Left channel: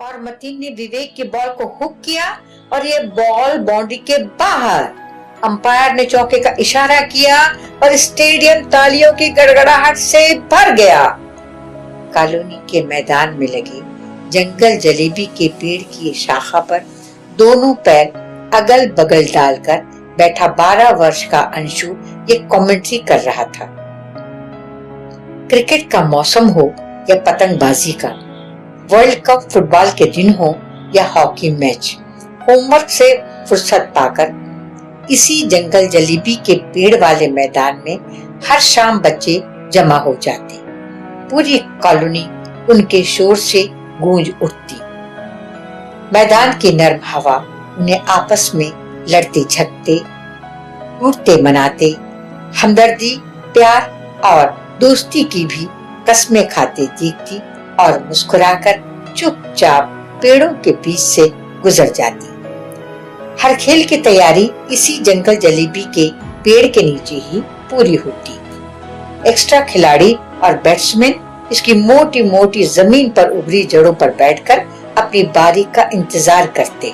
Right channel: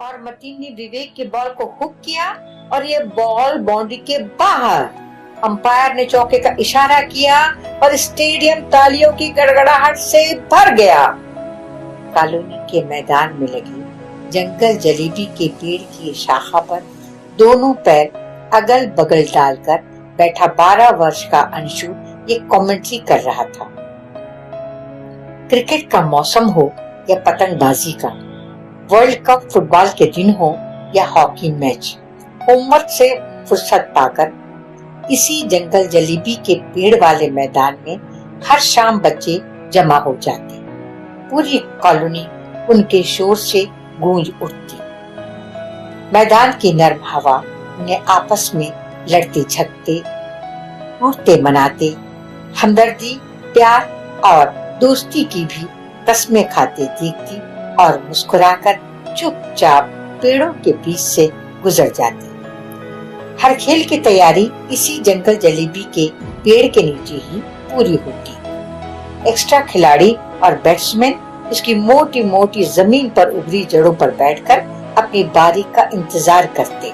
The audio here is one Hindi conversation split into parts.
और मतीन ने विवेक के बॉल को हुक किया और ये बॉल बाउंड्री के बाहर। अंपायर ने चौके का इशारा किया और स्टेडियम तालियों की गड़गड़ाहट से भर गया। कॉलोनी के मैदान में लगे जंगल जलेबी के पेड़ की शाखा पर दोनों पैर अगल बगल डालकर बैठा 12 वर्ष का अंशु ये कमेंट्री कर रहा था। क्रिकेट का मौसम हो या पतंगबाजी का, वर्ल्ड कप फुटबॉल के दिन हो या हॉकी मैच, होमवर्क से फुर्सत पाकर इसी जंगल जलेबी के पेड़ वाले मैदान में हर शाम बच्चे जमा हो जाते। पूरी कॉलोनी उनके शोर से गूंज उठती। मैदान की नर्म हवा उन्हें आपस में लड़ते झगड़ते, टूटते मनाते, हमदर्दी, प्यार और दोस्ती की भी कस्में खाते देखती और मुस्कुराकर चुपचाप पेड़ों के बीच से गुजर जाती। हर खेल की तैयारी इसी जंगल जलेबी के पेड़ के नीचे ही पूरी होती। एक्स्ट्रा खिलाड़ी और बैट्समैन इसकी मोटी मोटी जमीन पर उभरी जड़ों पर बैठकर अपनी बारी का इंतजार करते।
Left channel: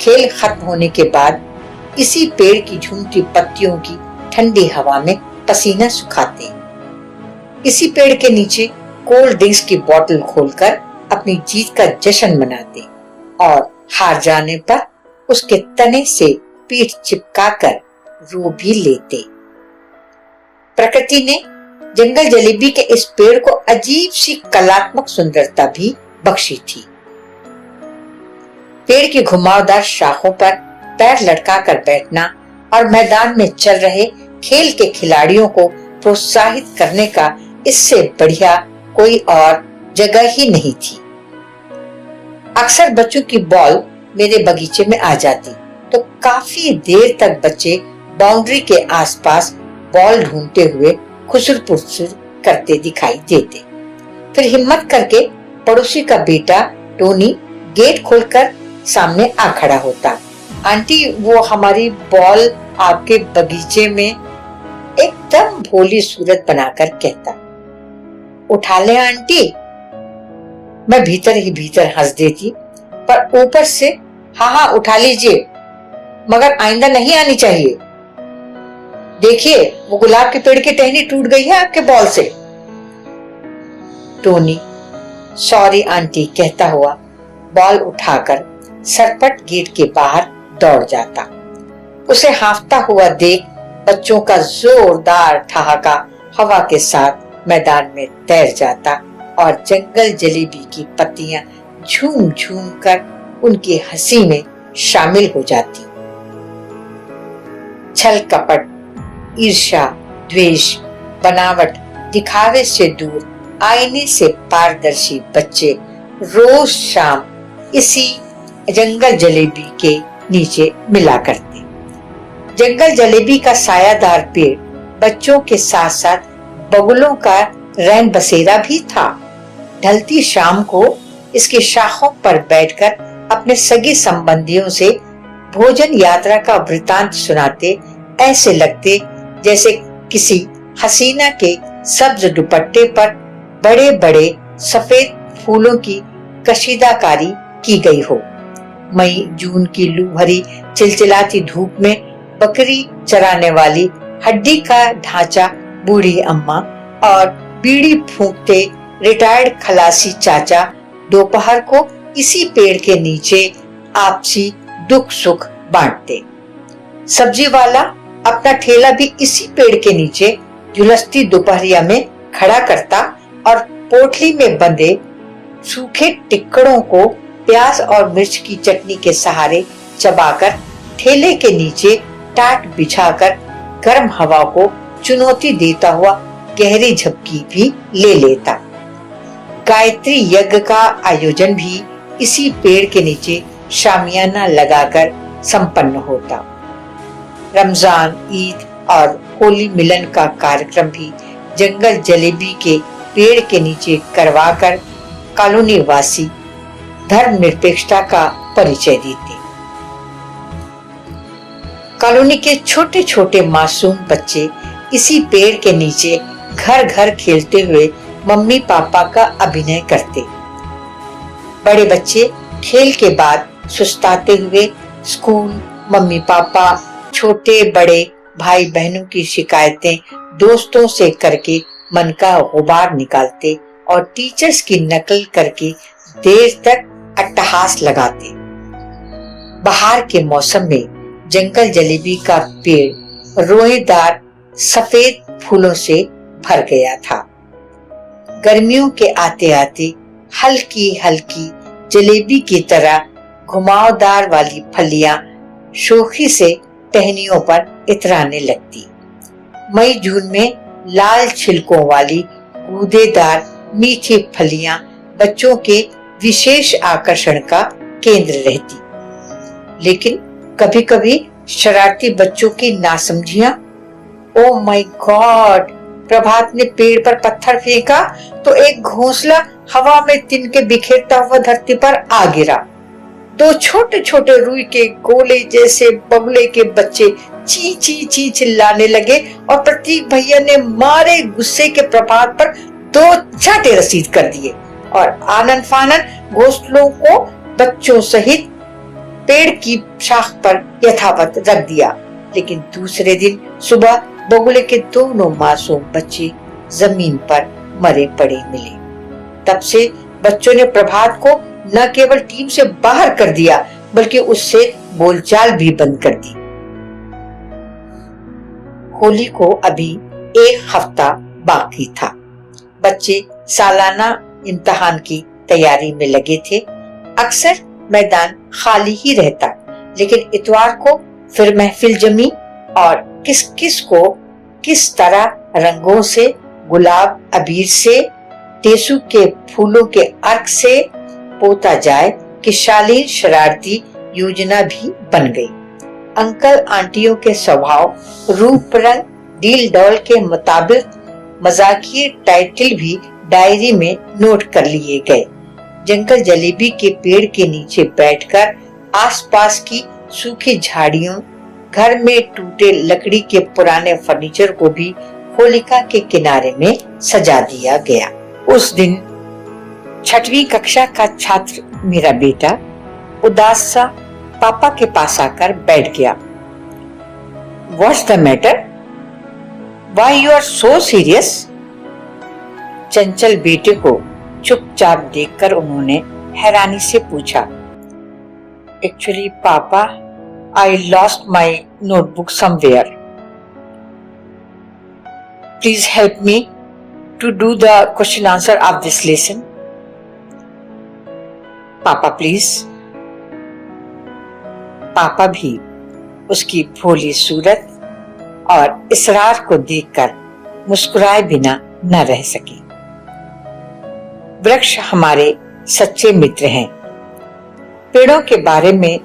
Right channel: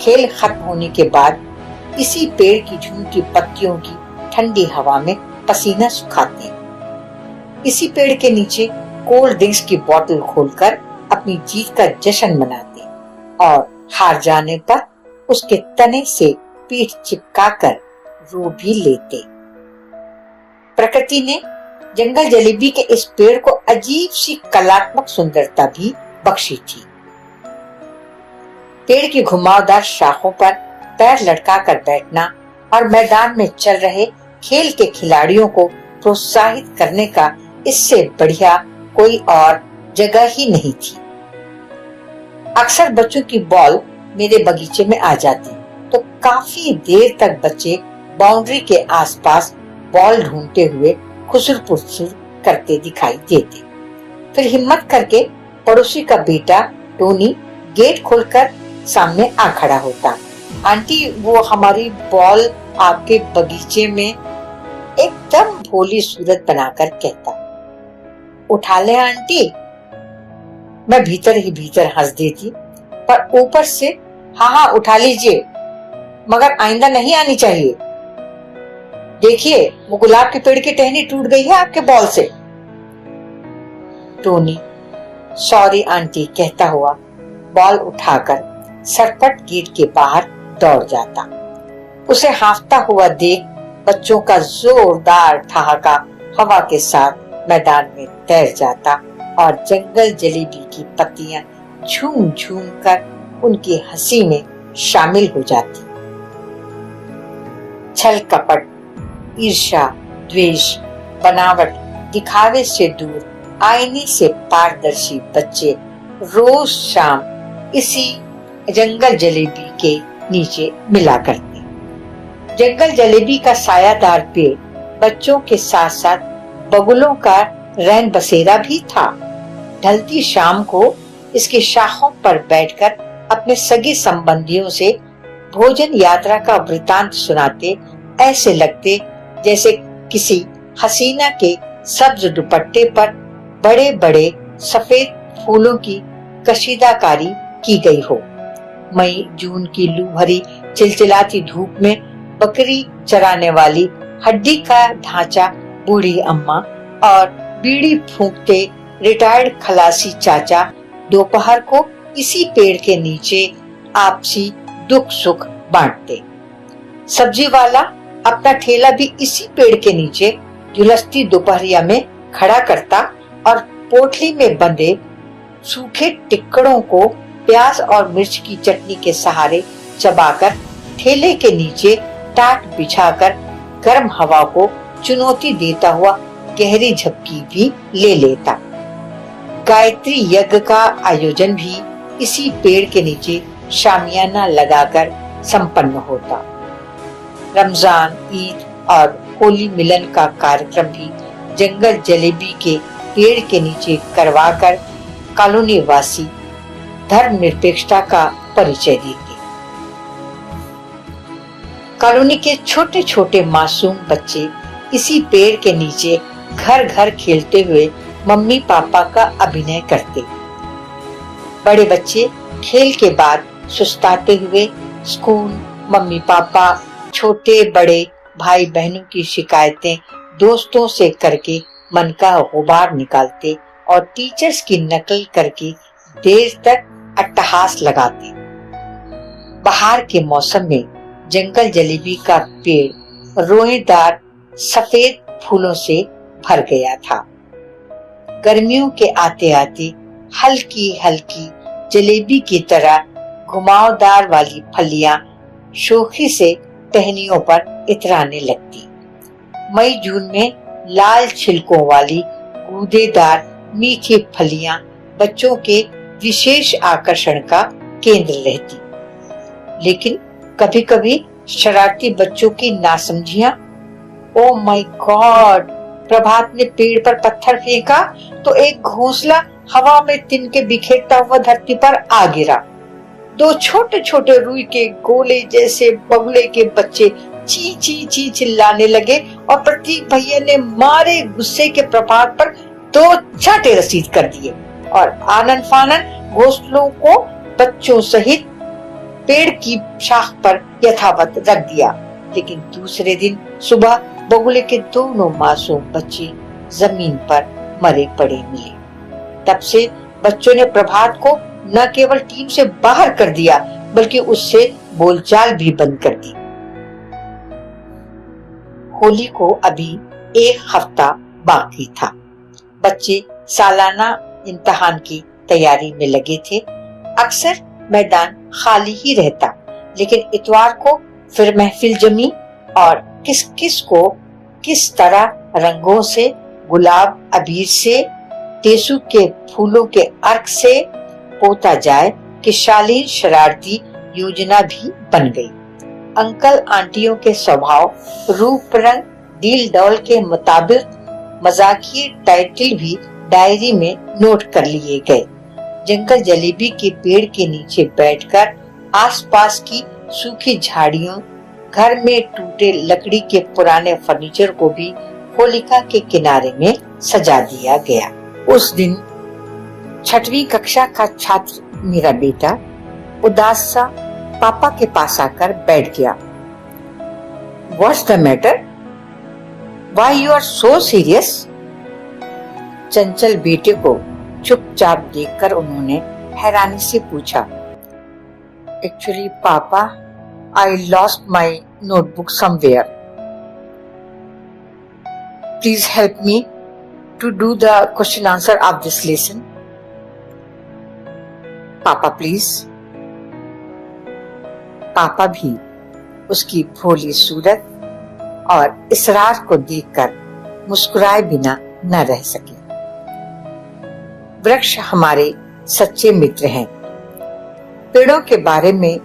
खेल खत्म होने के बाद इसी पेड़ की झूमती पत्तियों की ठंडी हवा में पसीना सुखाते। इसी पेड़ के नीचे कोल्ड ड्रिंक्स की बोतल खोलकर अपनी जीत का जश्न मनाते और हार जाने पर उसके तने से पीठ चिपकाकर रो भी लेते। प्रकृति ने जंगल जलेबी के इस पेड़ को अजीब सी कलात्मक सुंदरता भी बख्शी थी। पेड़ की घुमावदार शाखों पर पैर लटकाकर बैठना और मैदान में चल रहे खेल के खिलाड़ियों को प्रोत्साहित करने का इससे बढ़िया कोई और जगह ही नहीं थी। अक्सर बच्चों की बॉल मेरे बगीचे में आ जाती तो काफी देर तक बच्चे बाउंड्री के आसपास बॉल ढूंढते हुए खुसुर-पुसुर करते दिखाई देते। फिर हिम्मत करके पड़ोसी का बेटा टोनी गेट खोलकर सामने आ खड़ा होता। आंटी, वो हमारी बॉल आपके बगीचे में, एकदम भोली सूरत बनाकर कहता। उठा ले आंटी। मैं भीतर ही भीतर हंस देती, पर ऊपर से हाँ उठा लीजिए, मगर आइंदा नहीं आनी चाहिए। देखिए, वो गुलाब के पेड़ की टहनी टूट गई है आपके बॉल से। टोनी सॉरी आंटी कहता हुआ बॉल उठाकर सरपट गेट के बाहर दौड़ जाता। उसे हांफता हुआ देख बच्चों का जोरदार ठहाका हवा के साथ मैदान में तैर जाता और जंगल जलेबी की पत्तियां झूम झूम कर उनकी हंसी में शामिल हो जाती। छल कपट, ईर्ष्या, द्वेष, बनावट, दिखावे से दूर आईने से पारदर्शी बच्चे रोज शाम इसी जंगल जलेबी के नीचे मिला करते। जंगल जलेबी का सायादार पेड़ बच्चों के साथ साथ बगुलों का रैन बसेरा भी था। ढलती शाम को इसकी शाखों पर बैठकर अपने सगी संबंधियों से भोजन यात्रा का वृतांत सुनाते ऐसे लगते जैसे किसी हसीना के सब्ज दुपट्टे पर बड़े बड़े सफेद फूलों की कशीदाकारी की गई हो। मई जून की लू भरी चिलचिलाती धूप में बकरी चराने वाली हड्डी का ढांचा बूढ़ी अम्मा और बीड़ी फूंकते रिटायर्ड खलासी चाचा दोपहर को इसी पेड़ के नीचे आपसी दुख सुख बांटते। सब्जी वाला अपना ठेला भी इसी पेड़ के नीचे झुलसती दोपहरिया में खड़ा करता और पोटली में बंधे सूखे टिक्कड़ों को प्याज और मिर्च की चटनी के सहारे चबाकर ठेले के नीचे टाट बिछाकर गर्म हवा को चुनौती देता हुआ गहरी झपकी भी ले लेता। गायत्री यज्ञ का आयोजन भी इसी पेड़ के नीचे शामियाना लगाकर संपन्न होता। रमजान, ईद और होली मिलन का कार्यक्रम भी जंगल जलेबी के पेड़ के नीचे करवाकर कॉलोनी वासी धर्मनिरपेक्षता का परिचय देते। कॉलोनी के छोटे छोटे मासूम बच्चे इसी पेड़ के नीचे घर घर खेलते हुए मम्मी पापा का अभिनय करते। बड़े बच्चे खेल के बाद सुस्ताते हुए स्कूल, मम्मी पापा, छोटे बड़े भाई बहनों की शिकायतें दोस्तों से करके मन का गुबार निकालते और टीचर्स की नकल करके देर तक अट्टहास लगाते। बाहर के मौसम में जंगल जलेबी का पेड़ रोएदार सफेद फूलों से भर गया था। गर्मियों के आते आते हल्की हल्की जलेबी की तरह घुमावदार वाली फलियां शोखी से टहनियों पर इतराने लगती। मई जून में लाल छिलकों वाली गूदेदार मीठी फलियां बच्चों के विशेष आकर्षण का केंद्र रहती। लेकिन कभी कभी शरारती बच्चों की नासमझियां, ओ माय गॉड, प्रभात ने पेड़ पर पत्थर फेंका तो एक घोंसला हवा में तिनके बिखेरता हुआ धरती पर आ गिरा। दो छोटे छोटे रुई के गोले जैसे बगुले के बच्चे ची ची ची चिल्लाने लगे और प्रतीक भैया ने मारे गुस्से के प्रभात पर 2 चाटे रसीद कर दिए और आनन फानन घोंसलों को बच्चों सहित पेड़ की शाख पर यथावत रख दिया। लेकिन दूसरे दिन सुबह बगुले के दोनों मासूम बच्चे जमीन पर मरे पड़े मिले। तब से बच्चों ने प्रभात को न केवल टीम से बाहर कर दिया बल्कि उससे बोलचाल भी बंद कर दी। होली को अभी 1 हफ्ता बाकी था। बच्चे सालाना इम्तिहान की तैयारी में लगे थे। अक्सर मैदान खाली ही रहता, लेकिन इतवार को फिर महफिल जमी और किस किस को किस तरह रंगों से, गुलाब अबीर से, टेसू के फूलों के अर्क से पोता जाए कि शालीन शरारती योजना भी बन गई। अंकल आंटियों के स्वभाव, रूप रंग, डील डॉल के मुताबिक मजाकिये टाइटल भी डायरी में नोट कर लिए गए। जंगल जलेबी के पेड़ के नीचे बैठकर आसपास की सूखी झाड़ियों, घर में टूटे लकड़ी के पुराने फर्नीचर को भी होलिका के किनारे में सजा दिया गया। उस दिन 6वीं कक्षा का छात्र मेरा बेटा उदास सा पापा के पास आकर बैठ गया। What's the matter? Why you are so serious? चंचल बेटे को चुपचाप देखकर उन्होंने हैरानी से पूछा। Actually, पापा, I lost my notebook somewhere. Please help me to do the question answer of this lesson. पापा प्लीज। पापा भी उसकी भोली सूरत और इसरार को देखकर मुस्कुराए बिना न रह सके। वृक्ष हमारे सच्चे मित्र हैं। पेड़ों के बारे में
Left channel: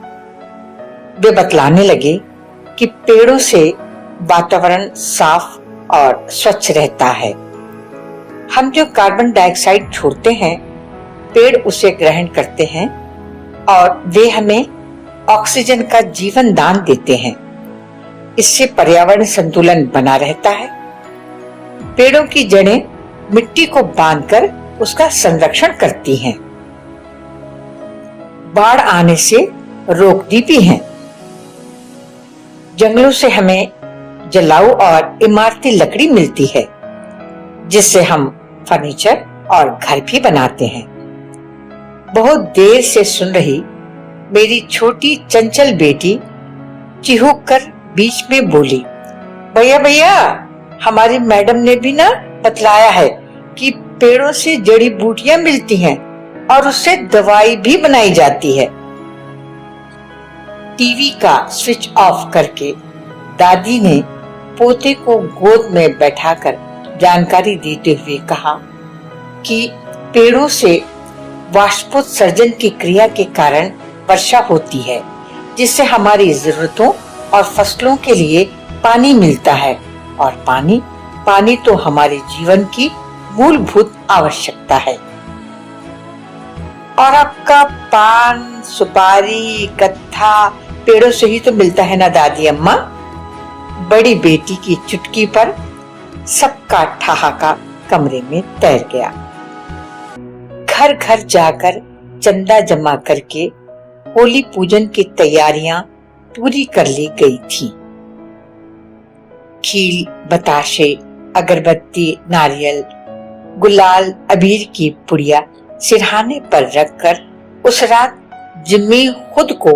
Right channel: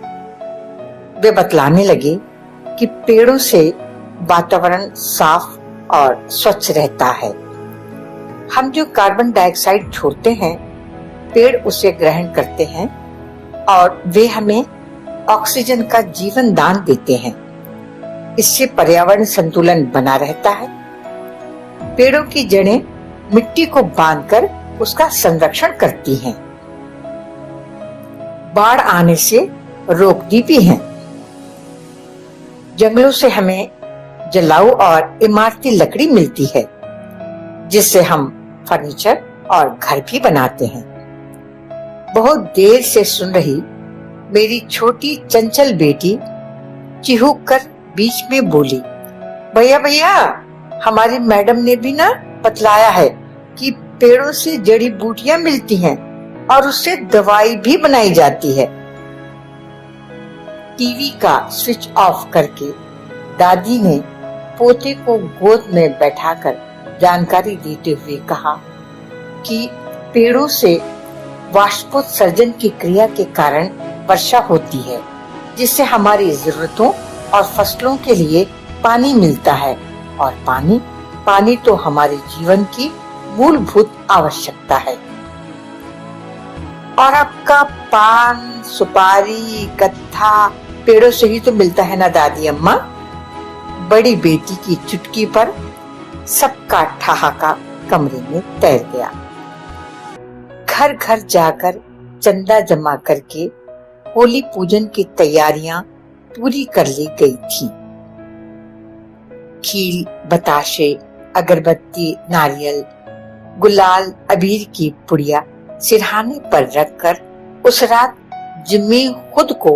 वे बतलाने लगे कि पेड़ों से वातावरण साफ और स्वच्छ रहता है। हम जो कार्बन डाइऑक्साइड छोड़ते हैं, पेड़ उसे ग्रहण करते हैं और वे हमें ऑक्सीजन का जीवन दान देते हैं। इससे पर्यावरण संतुलन बना रहता है। पेड़ों की जड़ें मिट्टी को बांधकर उसका संरक्षण करती हैं, बाढ़ आने से रोकती भी हैं। जंगलों से हमें जलाऊ और इमारती लकड़ी मिलती है, जिससे हम फर्नीचर और घर भी बनाते हैं। बहुत देर से सुन रही मेरी छोटी चंचल बेटी चिहुक कर बीच में बोली, भैया भैया, हमारी मैडम ने भी ना बतलाया है कि पेड़ों से जड़ी बूटियां मिलती हैं और उससे दवाई भी बनाई जाती है। टीवी का स्विच ऑफ करके दादी ने पोते को गोद में बैठाकर जानकारी देते हुए कहा कि पेड़ों से वाष्पोत्सर्जन की क्रिया के कारण वर्षा होती है, जिससे हमारी जरूरतों और फसलों के लिए पानी मिलता है। और पानी तो हमारे जीवन की मूलभूत आवश्यकता है। और आपका पान, सुपारी, कत्था पेड़ों से ही तो मिलता है ना दादी अम्मा। बड़ी बेटी की चुटकी पर सबका ठहाका कमरे में तैर गया। घर घर जाकर चंदा जमा करके होली पूजन की तैयारियां पूरी कर ली गई थी। खील, बताशे, अगरबत्ती, नारियल, गुलाल, अबीर की पुड़िया सिरहाने पर रखकर उस रात जिम्मी खुद को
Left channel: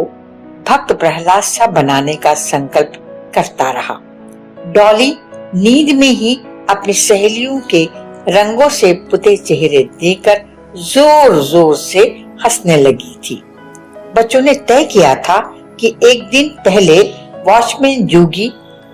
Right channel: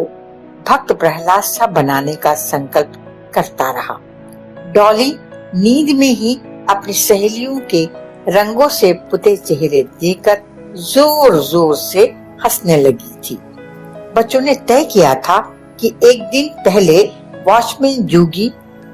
भक्त प्रहलाद सा बनाने का संकल्प करता रहा। डॉली नींद में ही अपनी सहेलियों के रंगों से पुते चेहरे देखकर जोर जोर से हंसने लगी थी। बच्चों ने तय किया था कि एक दिन पहले वॉचमैन जोगी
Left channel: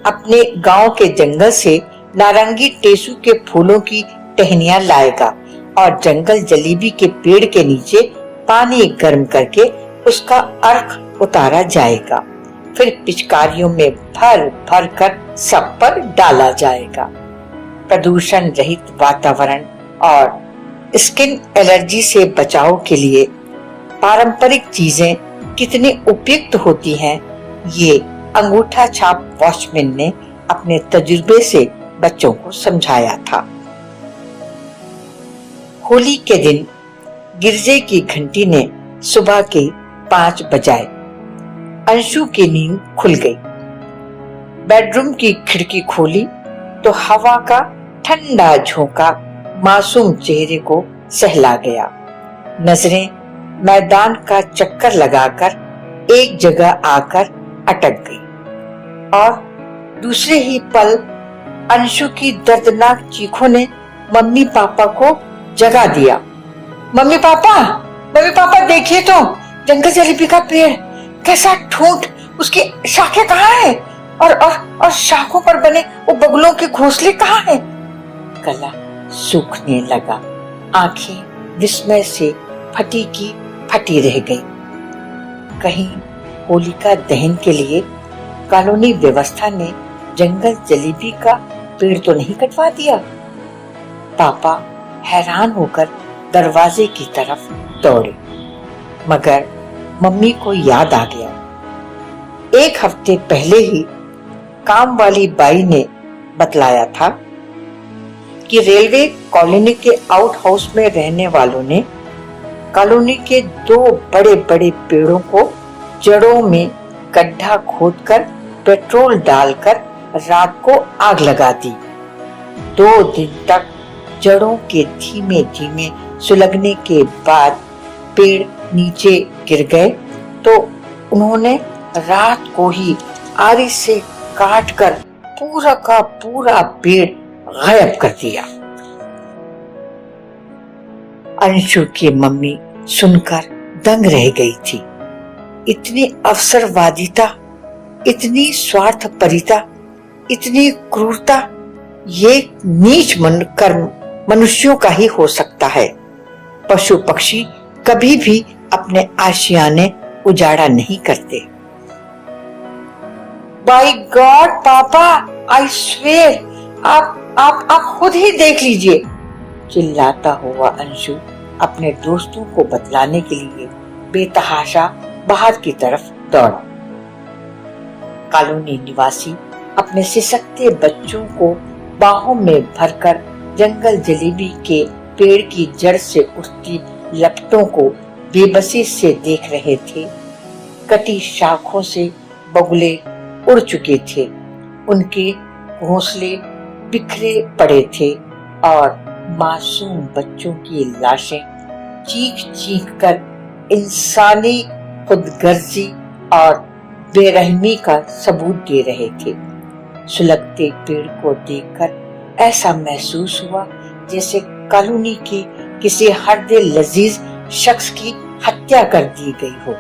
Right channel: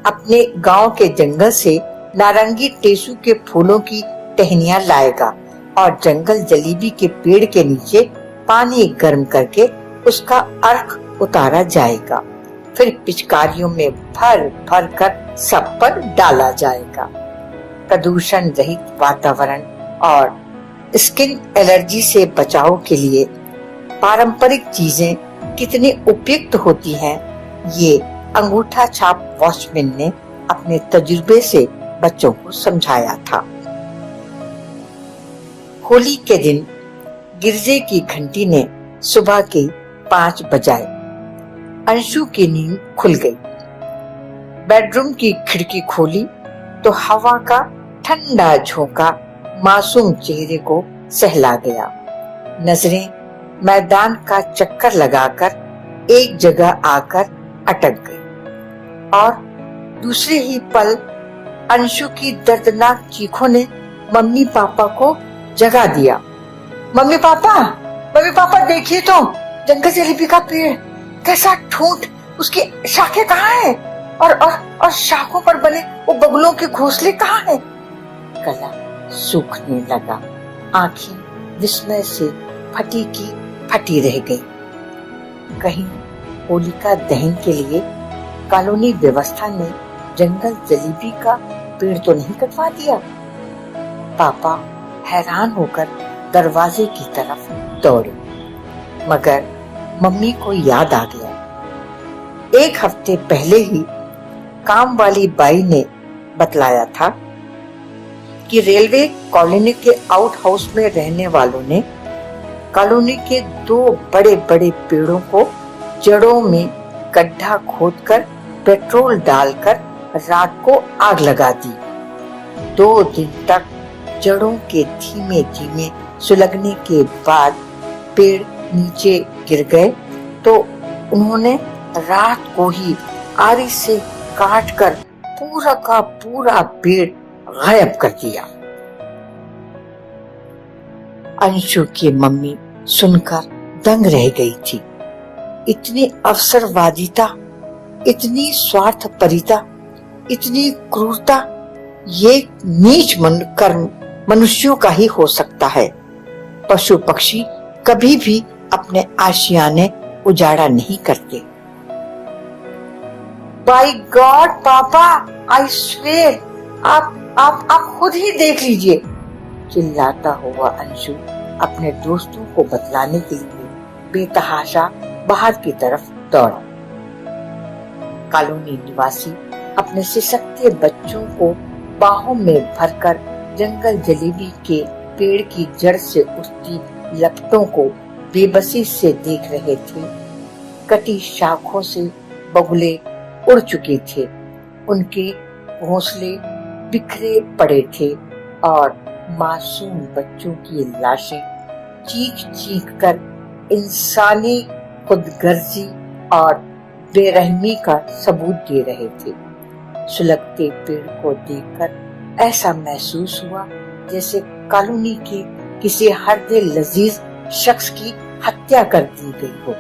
अपने गांव के जंगल से नारंगी टेसू के फूलों की टहनियां लाएगा और जंगल जलेबी के पेड़ के नीचे पानी गर्म करके उसका अर्क उतारा जाएगा। फिर पिचकारियों में भर भर कर सब पर डाला जाएगा। प्रदूषण रहित वातावरण और स्किन एलर्जी से बचाव के लिए पारंपरिक चीजें कितनी उपयुक्त होती हैं, ये अंगूठा छाप वॉचमैन ने अपने तजुर्बे से बच्चों को समझाया था। होली के दिन गिरजे की घंटी ने सुबह के 5 बजाए। अंशु की नींद खुल गई। बेडरूम की खिड़की खोली तो हवा का ठंडा झोंका मासूम चेहरे को सहला गया। नजरें मैदान का चक्कर लगाकर एक जगह आकर अटक गई और दूसरे ही पल अंशु की दर्दनाक चीखों ने मम्मी पापा को जगा दिया। मम्मी पापा देखिए तो जंगल जलेबी का पेड़ कैसा ठूंठ, उसकी शाखें कहाँ है और शाखों पर बने वो बगुलों के घोंसले कहाँ है। गला सूखने लगा, आंखें विस्मय से फटी की फटी रह गई। कहीं होलिका दहन के लिए कॉलोनी व्यवस्था ने जंगल जलेबी का पेड़ तो नहीं कटवा दिया। पापा हैरान होकर दरवाजे की तरफ दौड़े, मगर मम्मी को याद आ गया। 1 हफ्ते पहले ही काम वाली बाई ने बतलाया था कि रेलवे कॉलोनी के आउट हाउस में रहने वालों ने कॉलोनी के 2 बड़े बड़े पेड़ों को जड़ों में गड्ढा खोदकर पेट्रोल डालकर रात को आग लगा दी। 2 दिन तक जड़ों के धीमे धीमे सुलगने के बाद पेड़ नीचे गिर गए तो उन्होंने रात को ही आरी से काटकर पूरा का पूरा पेड़ गायब कर दिया। अंशु की मम्मी सुनकर दंग रह गई थी। इतनी अवसरवादिता, इतनी स्वार्थपरिता, इतनी क्रूरता, ये नीच कर्म मनुष्यों का ही हो सकता है। पशु पक्षी कभी भी अपने आशियाने उजाड़ा नहीं करते। बाय गॉड पापा, आई स्वेयर, आप खुद ही देख लीजिए, चिल्लाता हुआ अंशु अपने दोस्तों को बतलाने के लिए बेतहाशा बाहर की तरफ दौड़ा। कॉलोनी निवासी अपने सिसकते बच्चों को बाहों में भरकर जंगल जलेबी के पेड़ की जड़ से उठती लपटों को बेबसी से देख रहे थे। कटी शाखों से बगुले उड़ चुके थे, उनके घोंसले बिखरे पड़े थे और मासूम बच्चों की लाशें चीख चीख कर इंसानी खुदगर्जी और बेरहमी का सबूत दे रहे थे। सुलगते पेड़ को देखकर ऐसा महसूस हुआ जैसे कॉलोनी के किसी हरदे लजीज शख्स की हत्या कर दी गई हो।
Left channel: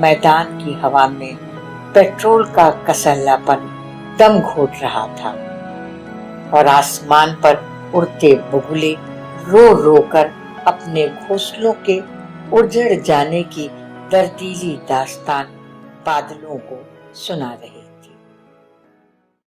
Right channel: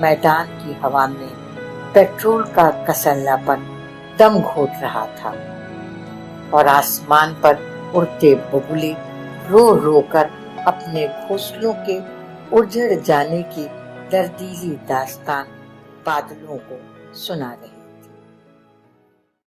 मैदान की हवा में पेट्रोल का कसल्लापन दम घोट रहा था और आसमान पर उड़ते बगुले रो रो कर अपने घोंसलों के उजड़ जाने की दर्दीली दास्तान बादलों को सुना रहे।